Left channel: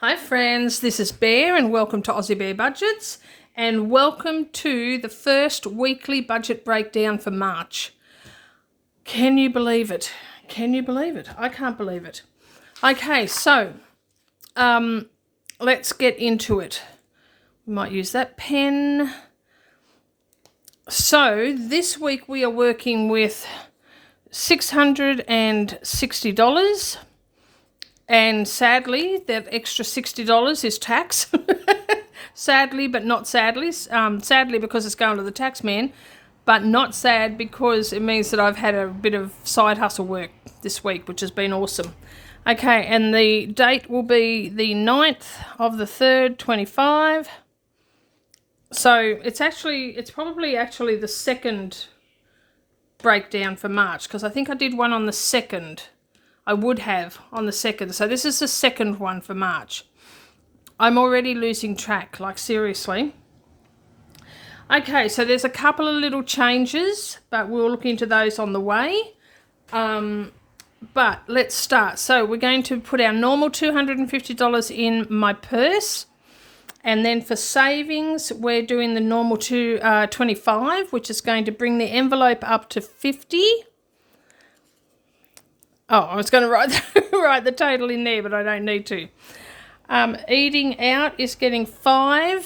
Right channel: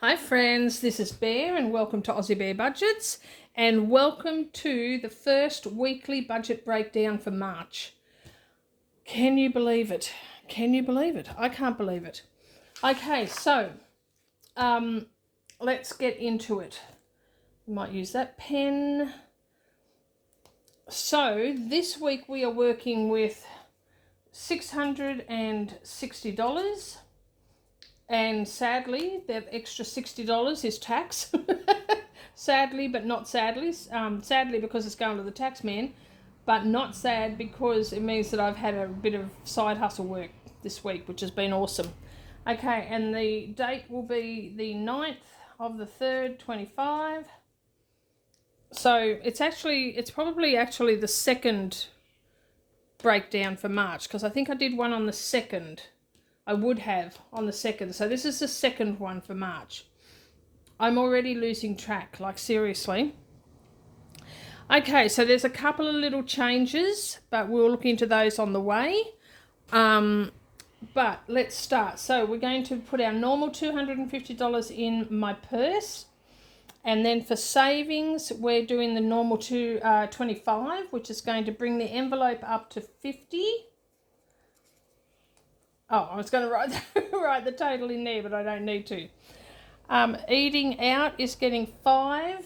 Hi friends, this is Bear and welcome to Aussiebearbudgets and welcome to the first weekly budget breakdown for March. Can you believe it? Can you believe it? I can't believe it. Okay, so let's get into it. We might use that pen. So this week we are working with $660. And sadly, that extra $60 is tax. Sadly, but not sadly. Sadly because it's going to the tax man, but not sad because it means that I've had a bit of side hustle work this week, which has been awesome. Okay, and the date will be the 9th of the 3rd, 25. So it's probably the second breakdown for March, because I think I did one on the 2nd. I would have on the 2nd. So this is the second one for March. I'm already losing track, like seriously. Okay, so there's a couple of little changes, but we'll look into those on the way. But let's start. So we're going to put our normal $250 in my purse. And then for savings, we're doing the normal $25, which is going to bring the envelope up to $50. Oh, I was going to write the total in there, but I don't need to. Eating out is getting $5.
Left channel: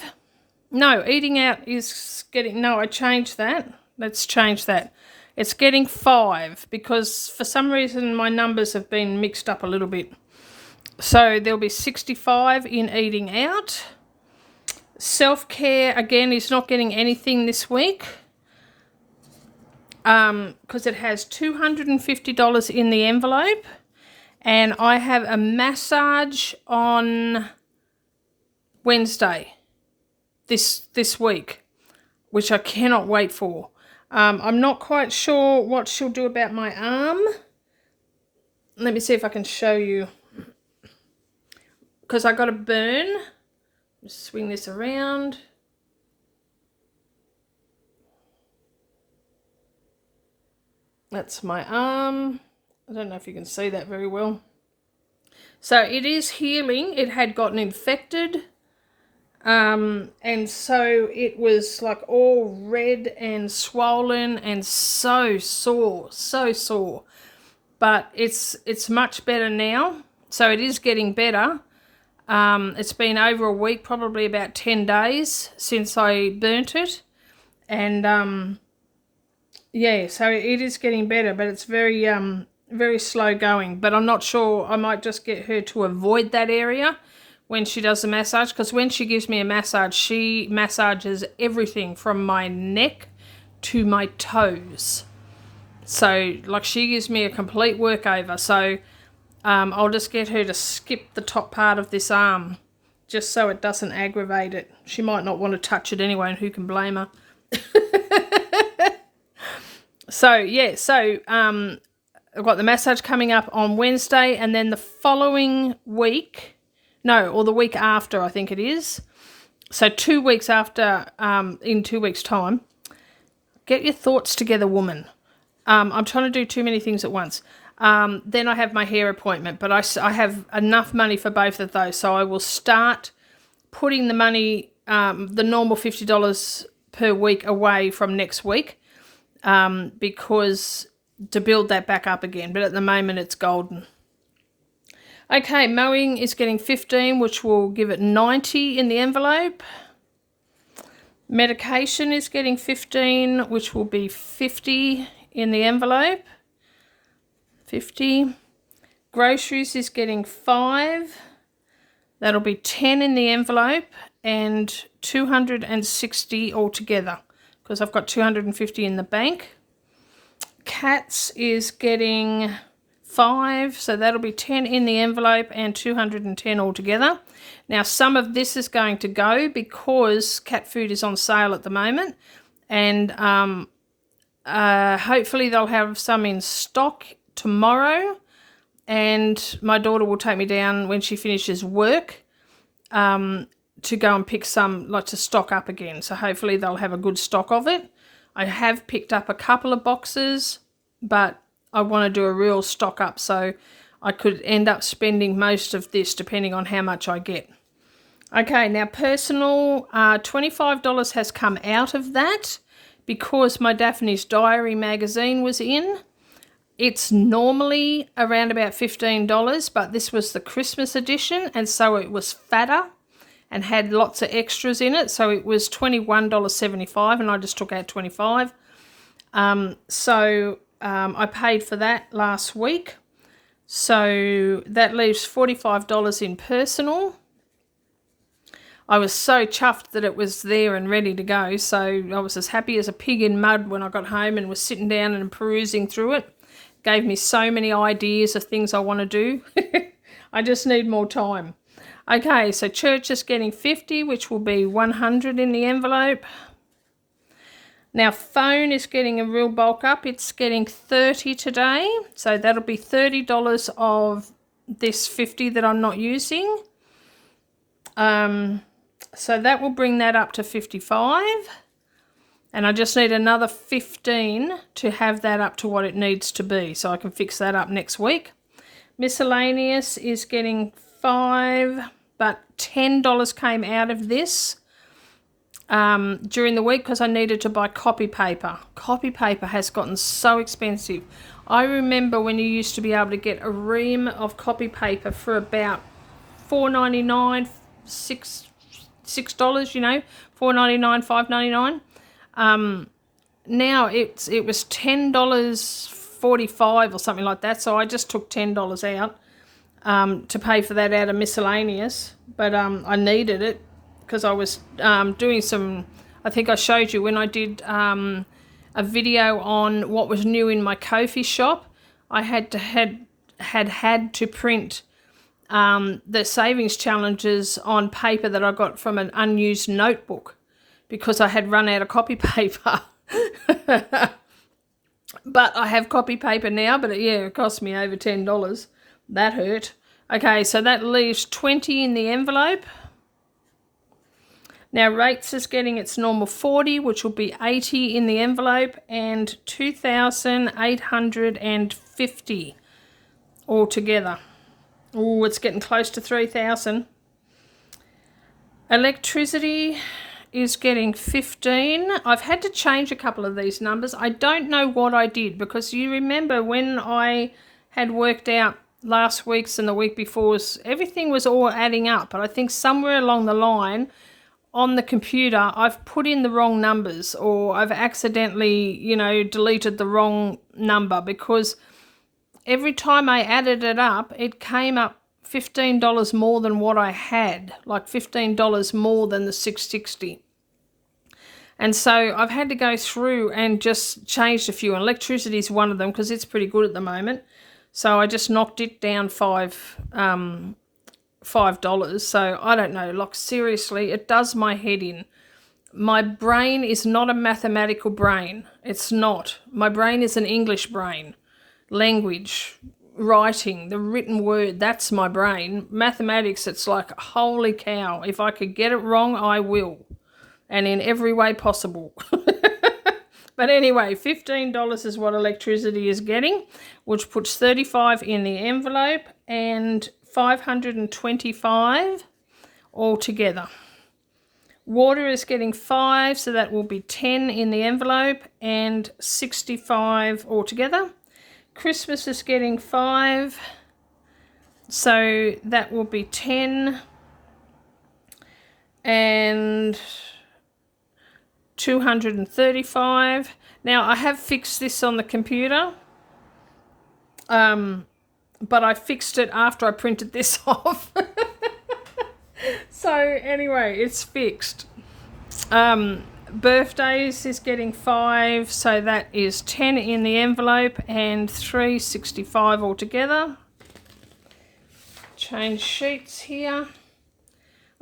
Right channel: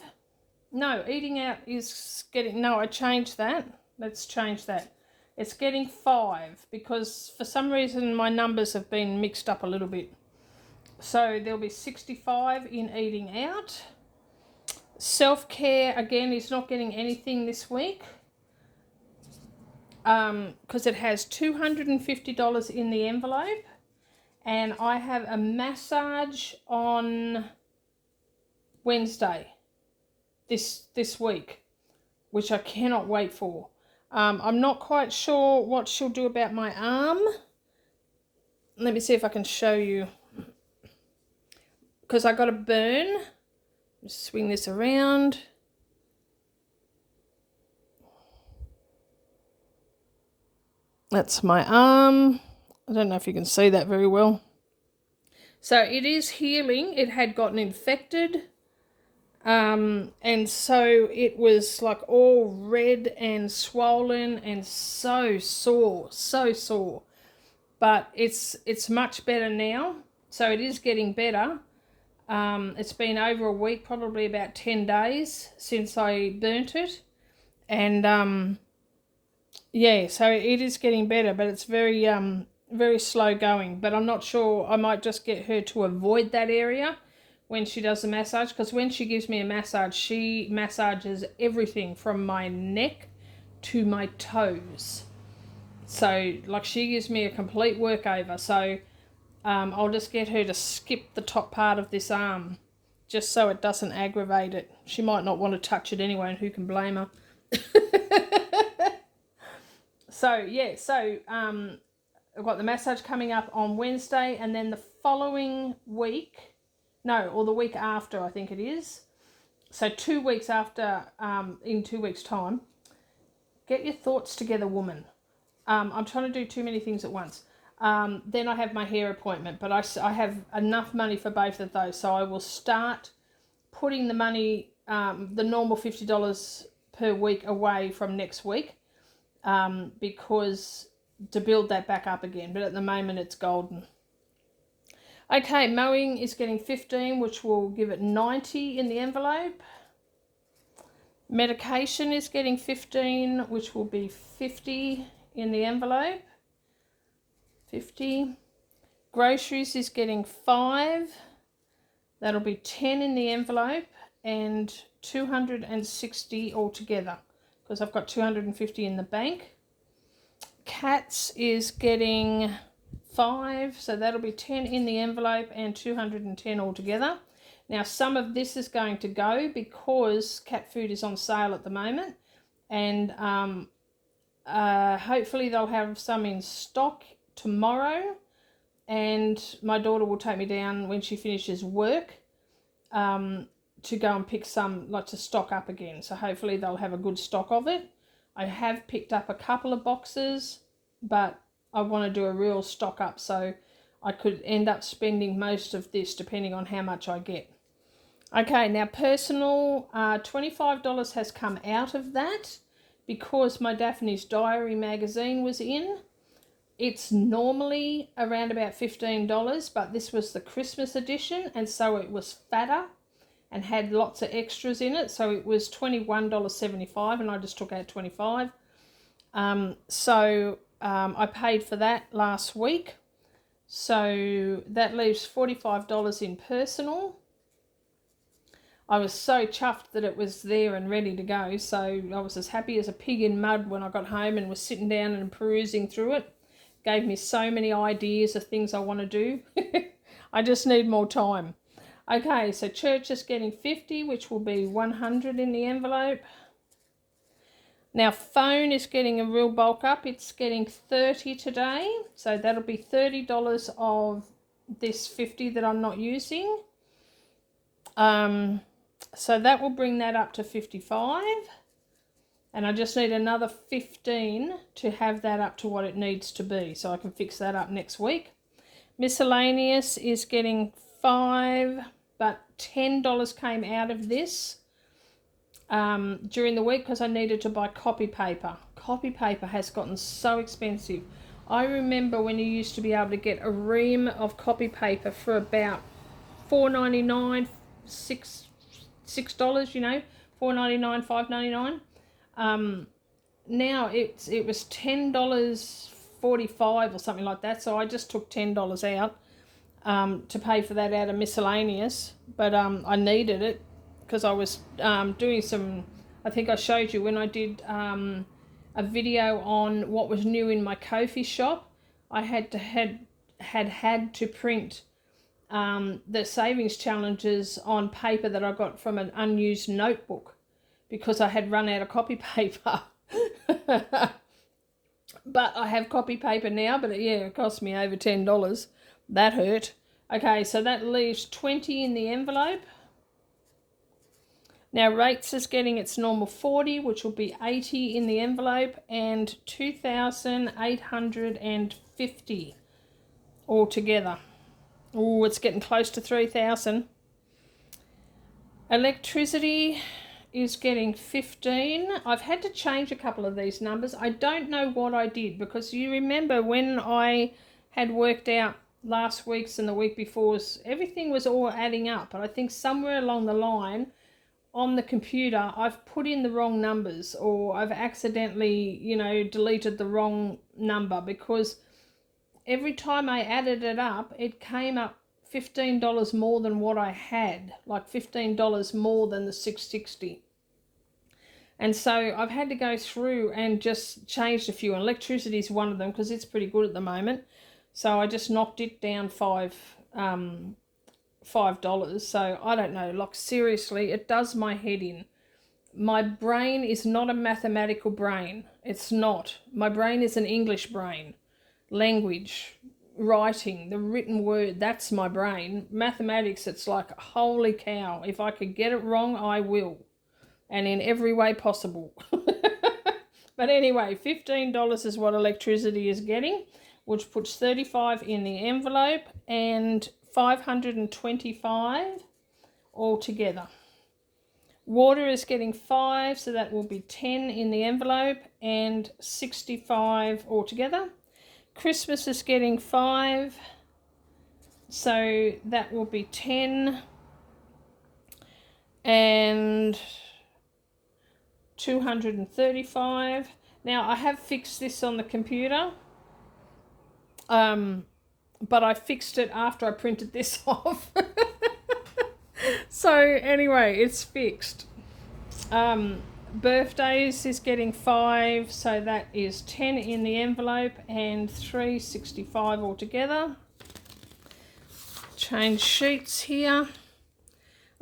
No, eating out is getting... No, I changed that. Let's change that. It's getting $5 because for some reason my numbers have been mixed up a little bit. So there'll be $65 in eating out. Self-care, again, is not getting anything this week. Because it has $250 in the envelope, and I have a massage on Wednesday this week, which I cannot wait for. I'm not quite sure what she'll do about my arm. Let me see if I can show you, because I got a burn. Just swing this around. That's my arm. I don't know if you can see that very well. So it is healing. It had gotten infected. And so it was like all red and swollen and so sore. But it's much better now. So it is getting better. It's been over a week, probably about 10 days since I burnt it. And yeah, so it is getting better, but it's very slow going. But I'm not sure. I might just get her to avoid that area when she does the massage, because when she gives me a massage, she massages everything from my neck to my toes. So, like, she gives me a complete workover. So I'll just get her to skip the top part of this arm just so it doesn't aggravate it. She might not want to touch it anyway, and who can blame her? So, yeah, I've got the massage coming up on Wednesday, and then the following week, or the week after, I think it is. So 2 weeks after, in 2 weeks' time, get your thoughts together, woman. I'm trying to do too many things at once. Then I have my hair appointment, but I have enough money for both of those, so I will start putting the money, the normal $50 per week away from next week. Because to build that back up again, but at the moment it's golden. Okay, mowing is getting 15, which will give it 90 in the envelope. Medication is getting 15, which will be 50 in the envelope. 50. Groceries is getting 5. That'll be 10 in the envelope and 260 altogether, because I've got 250 in the bank. Cats is getting 5, so that'll be 10 in the envelope and 210 altogether. Now, some of this is going to go because cat food is on sale at the moment, and hopefully they'll have some in stock tomorrow, and my daughter will take me down when she finishes work to go and pick some, like, to stock up again. So hopefully they'll have a good stock of it. I have picked up a couple of boxes, but I want to do a real stock up. So I could end up spending most of this depending on how much I get. Okay, now personal, $25 has come out of that because my Daphne's Diary magazine was in. It's normally around about $15, but this was the Christmas edition, and so it was fatter and had lots of extras in it. So it was $21.75, and I just took out $25. I paid for that last week. So that leaves $45 in personal. I was so chuffed that it was there and ready to go. So I was as happy as a pig in mud when I got home and was sitting down and perusing through it. Gave me so many ideas of things I want to do. I just need more time. Okay, so church is getting 50, which will be 100 in the envelope. Now phone is getting a real bulk up. It's getting 30 today. So that'll be $30 of this 50 that I'm not using. So that will bring that up to 55. And I just need another 15 to have that up to what it needs to be. So I can fix that up next week. Miscellaneous is getting 5, but $10 came out of this during the week because I needed to buy copy paper. Copy paper has gotten so expensive. I remember when you used to be able to get a ream of copy paper for about $4.99, $6, you know, $4.99, $5.99. Now it was $10.45 or something like that, so I just took $10 out to pay for that out of miscellaneous, but I needed it because I was doing some, I think I showed you when I did a video on what was new in my Ko-fi shop. I had to print the savings challenges on paper that I got from an unused notebook because I had run out of copy paper. But I have copy paper now, but it cost me over $10. That hurt. Okay, so that leaves 20 in the envelope. Now rates is getting its normal 40, which will be 80 in the envelope, and 2,850 altogether. Oh, it's getting close to 3,000. Electricity is getting 15. I've had to change a couple of these numbers. I don't know what I did because you remember when I had worked out last week's and the week before's, everything was all adding up, but I think somewhere along the line on the computer I've put in the wrong numbers, or I've accidentally, deleted the wrong number, because every time I added it up, it came up $15 more than what I had, like $15 more than the $660. And so I've had to go through and just change a few. Electricity is one of them because it's pretty good at the moment. So I just knocked it down $5. So I don't know, like seriously, it does my head in. My brain is not a mathematical brain. It's not. My brain is an English brain. Language, writing, the written word, that's my brain. Mathematics, it's like, holy cow, if I could get it wrong, I will. And in every way possible. But anyway, $15 is what electricity is getting, which puts 35 in the envelope and 525 altogether. Water is getting 5, so that will be 10 in the envelope and 65 altogether. Christmas is getting 5, so that will be 10 and 235. Now I have fixed this on the computer, but I fixed it after I printed this off. So anyway, it's fixed. Birthdays is getting 5, so that is 10 in the envelope and 365 altogether. Change sheets here.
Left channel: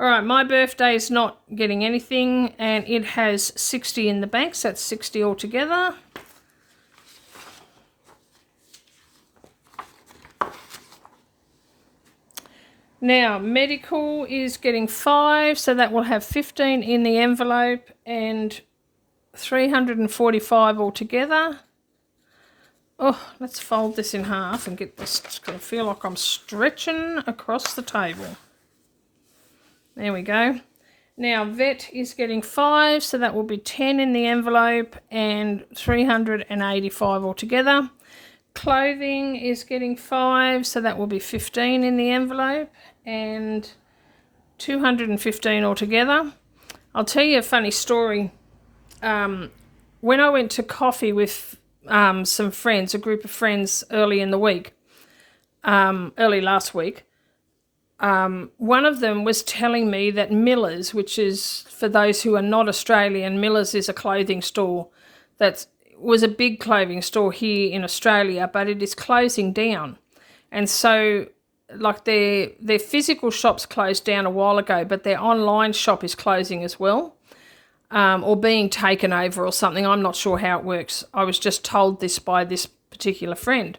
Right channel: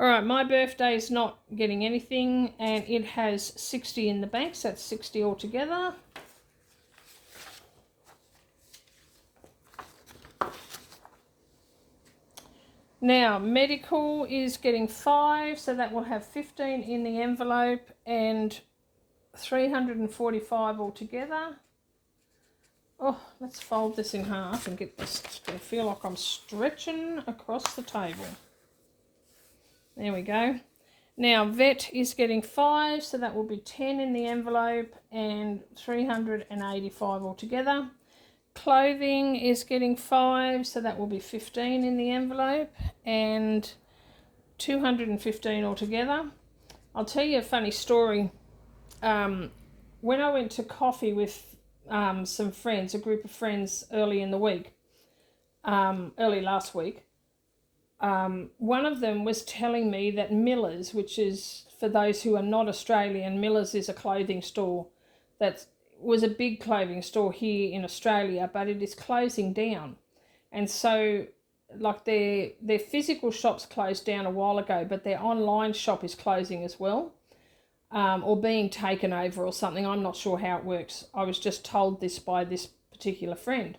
Alright, my birthday is not getting anything, and it has 60 in the bank, so that's 60 altogether. Now, medical is getting 5, so that will have 15 in the envelope and 345 altogether. Oh, let's fold this in half and get this. It's going to feel like I'm stretching across the table. There we go. Now, vet is getting 5, so that will be 10 in the envelope and 385 altogether. Clothing is getting 5, so that will be 15 in the envelope and 215 altogether. I'll tell you a funny story. When I went to coffee with some friends, a group of friends early in the week, early last week, one of them was telling me that Miller's, which is, for those who are not Australian, Miller's is a clothing store that was a big clothing store here in Australia, but it is closing down. And so, like, their physical shops closed down a while ago, but their online shop is closing as well, or being taken over or something. I'm not sure how it works. I was just told this by this particular friend.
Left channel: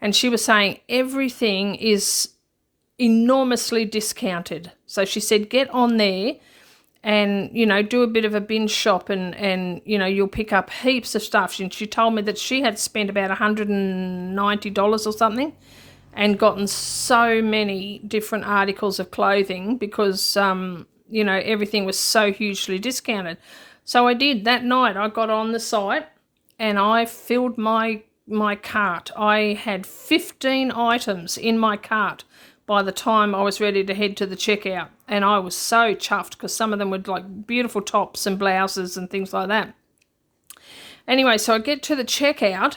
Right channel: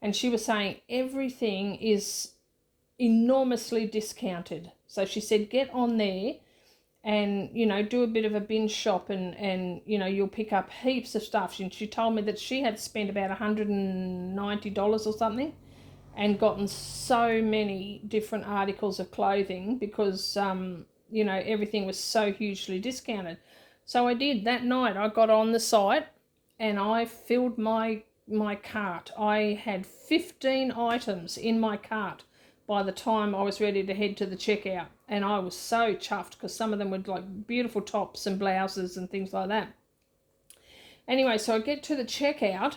And she was saying everything is enormously discounted. So she said, get on there and, you know, do a bit of a binge shop and you know, you'll pick up heaps of stuff. And she told me that she had spent about $190 or something and gotten so many different articles of clothing because, you know, everything was so hugely discounted. So I did. That night I got on the site and I filled my cart. I had 15 items in my cart by the time I was ready to head to the checkout. And I was so chuffed because some of them were like beautiful tops and blouses and things like that. Anyway, so I get to the checkout.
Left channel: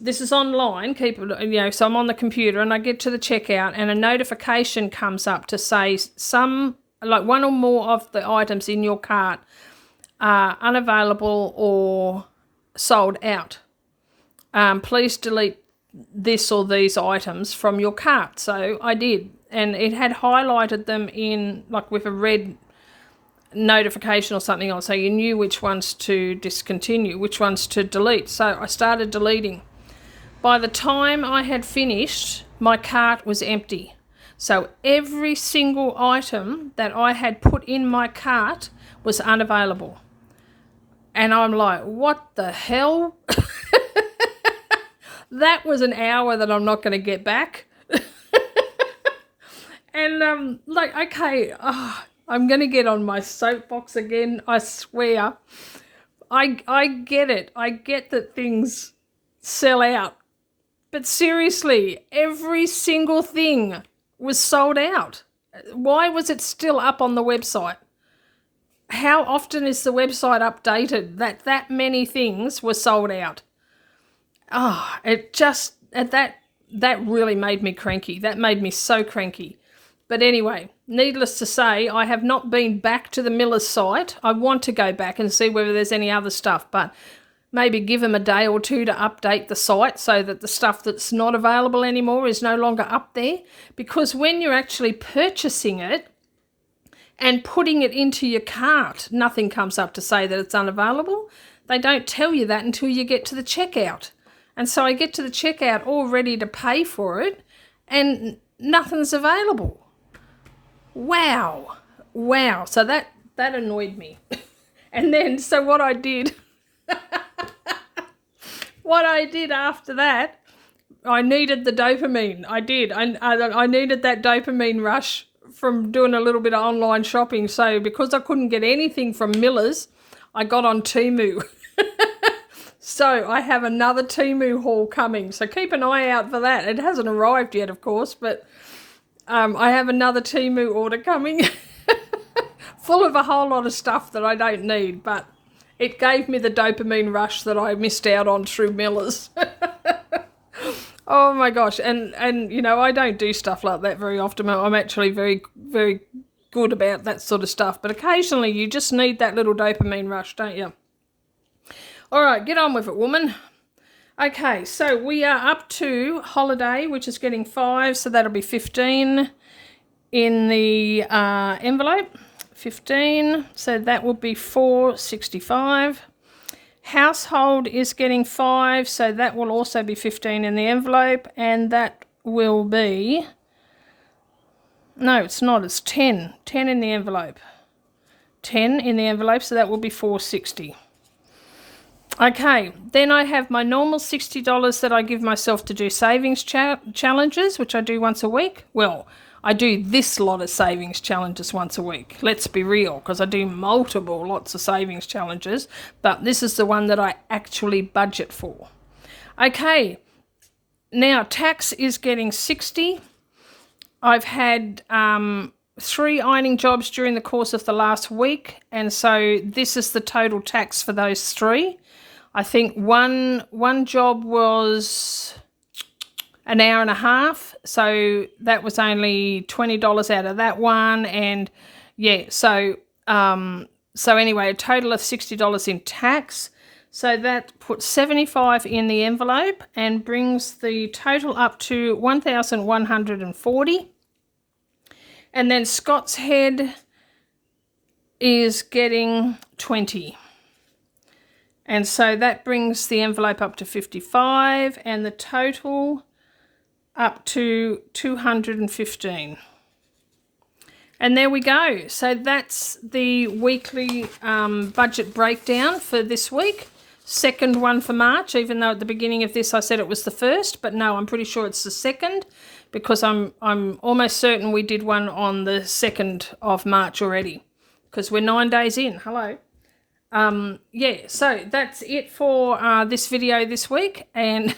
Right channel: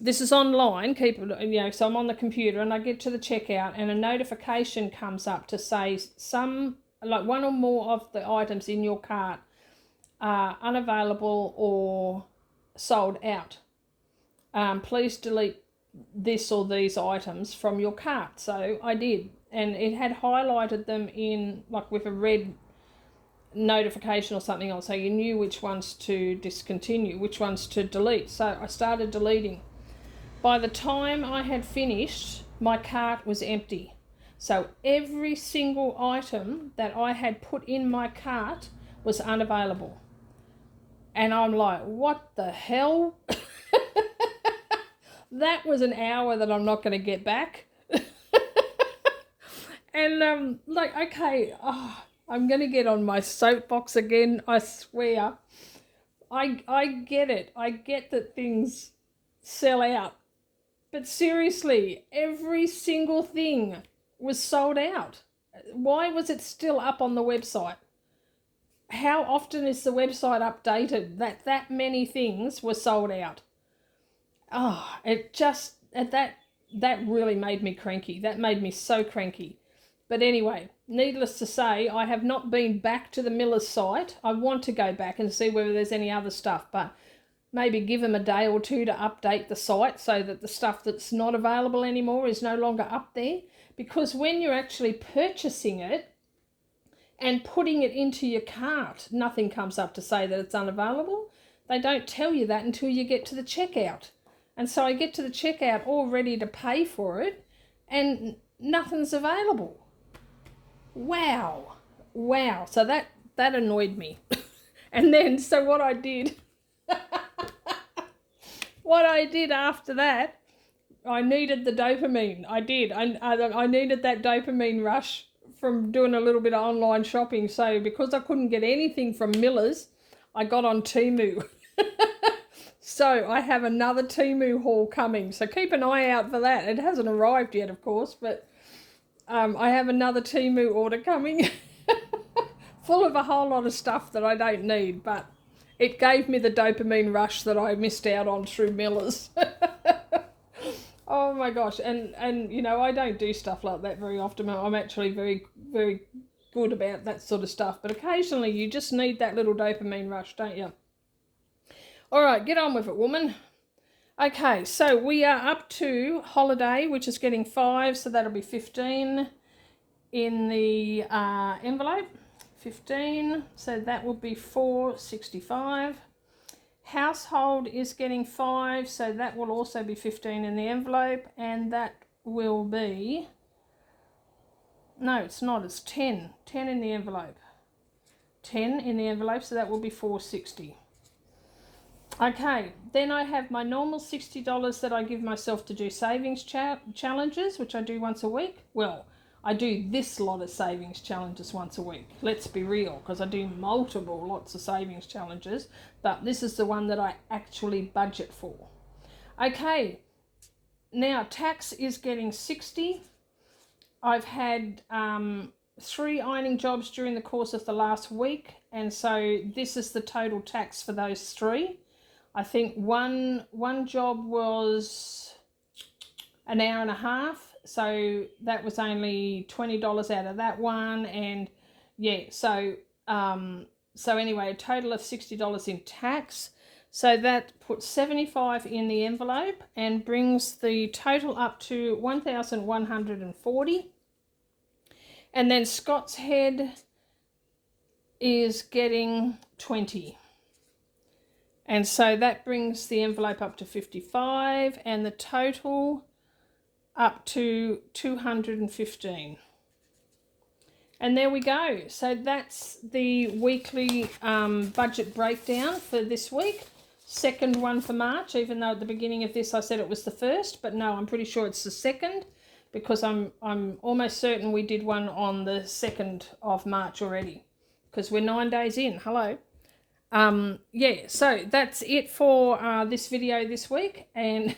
This is online, so I'm on the computer and I get to the checkout and a notification comes up to say like one or more of the items in your cart are unavailable or sold out. Please delete this or these items from your cart. So I did, and it had highlighted them in like with a red notification or something on, so you knew which ones to discontinue, which ones to delete. So I started deleting. By the time I had finished, my cart was empty. So every single item that I had put in my cart was unavailable. And I'm like, what the hell? That was an hour that I'm not going to get back. And like, okay, I'm going to get on my soapbox again, I swear. I get it. I get that things sell out. But seriously, every single thing was sold out. Why was it still up on the website? How often is the website updated that many things were sold out? Oh, it just, that really made me cranky. That made me so cranky. But anyway, needless to say, I have not been back to the Miller's site. I want to go back and see whether there's any other stuff, but maybe give them a day or two to update the site so that the stuff that's not available anymore is no longer up there. Because when you're actually purchasing it and putting it into your cart, nothing comes up to say that it's unavailable. They don't tell you that until you get to the checkout. And so I get to the checkout all ready to pay for it and nothing's available. Wow. So that annoyed me. And then, so what I did after that, I needed the dopamine. I did. I needed that dopamine rush from doing a little bit of online shopping. So because I couldn't get anything from Miller's, I got on Temu. So I have another Temu haul coming. So keep an eye out for that. It hasn't arrived yet, of course, but I have another Temu order coming full of a whole lot of stuff that I don't need, but it gave me the dopamine rush that I missed out on through Miller's. Oh my gosh. And you know, I don't do stuff like that very often. I'm actually very, very good about that sort of stuff, but occasionally you just need that little dopamine rush, don't you? All right, get on with it, woman. Okay, so we are up to holiday, which is getting 5, so that'll be 15 in the envelope. 15, so that will be $4.65. Household is getting 5, so that will also be 15 in the envelope, and that will be, no, it's not, it's 10 in the envelope. 10 in the envelope, so that will be $4.60. Okay, then I have my normal $60 that I give myself to do savings challenges, which I do once a week. Well, I do this lot of savings challenges once a week. Let's be real, because I do multiple lots of savings challenges, but this is the one that I actually budget for. Okay, now tax is getting 60. I've had 3 ironing jobs during the course of the last week, and so this is the total tax for those 3. I think one job was an hour and a half, so that was only $20 out of that one, and yeah, so anyway, a total of $60 in tax. So that puts 75 in the envelope and brings the total up to 1,140. And then Scott's Head is getting 20. And so that brings the envelope up to 55 and the total up to 215. And there we go. So that's the weekly budget breakdown for this week. Second one for March, even though at the beginning of this I said it was the first, but no, I'm pretty sure it's the second, because I'm almost certain we did one on the 2nd of March already, because we're 9 days in. Hello. Yeah, so that's it for this video this week, and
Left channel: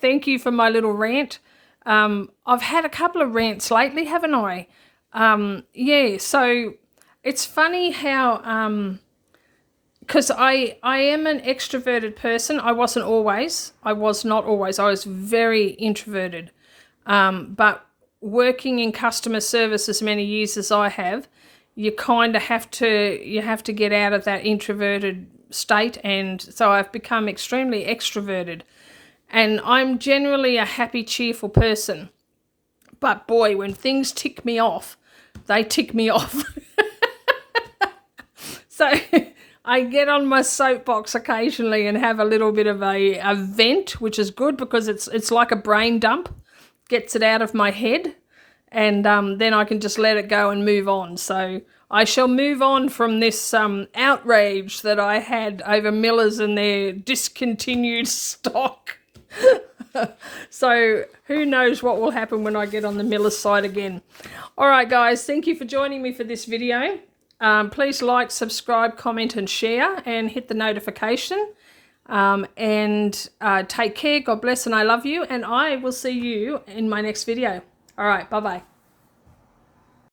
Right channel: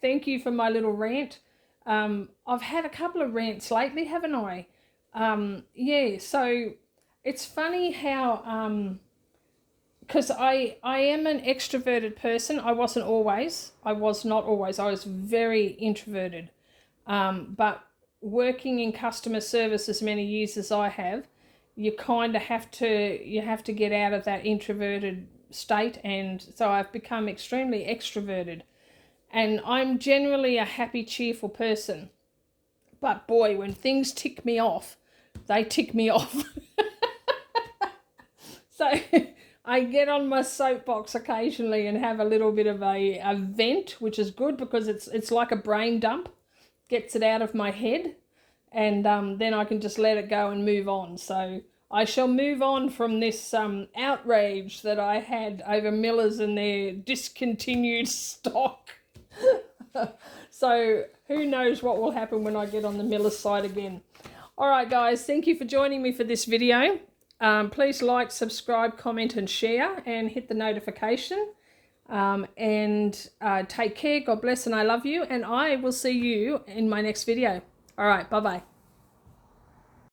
thank you for my little rant. I've had a couple of rants lately, haven't I? Yeah, so it's funny how because I am an extroverted person. I wasn't always. I was not always. I was very introverted. But working in customer service as many years as I have, you kind of have to get out of that introverted state, and so I've become extremely extroverted. And I'm generally a happy, cheerful person. But boy, when things tick me off, they tick me off. So I get on my soapbox occasionally and have a little bit of a vent, which is good because it's like a brain dump. Gets it out of my head, and then I can just let it go and move on. So I shall move on from this outrage that I had over Millers and their discontinued stock. So who knows what will happen when I get on the Millers side again. All right, guys, thank you for joining me for this video. Please like, subscribe, comment and share, and hit the notification. Take care. God bless, and I love you, and I will see you in my next video. All right, bye-bye.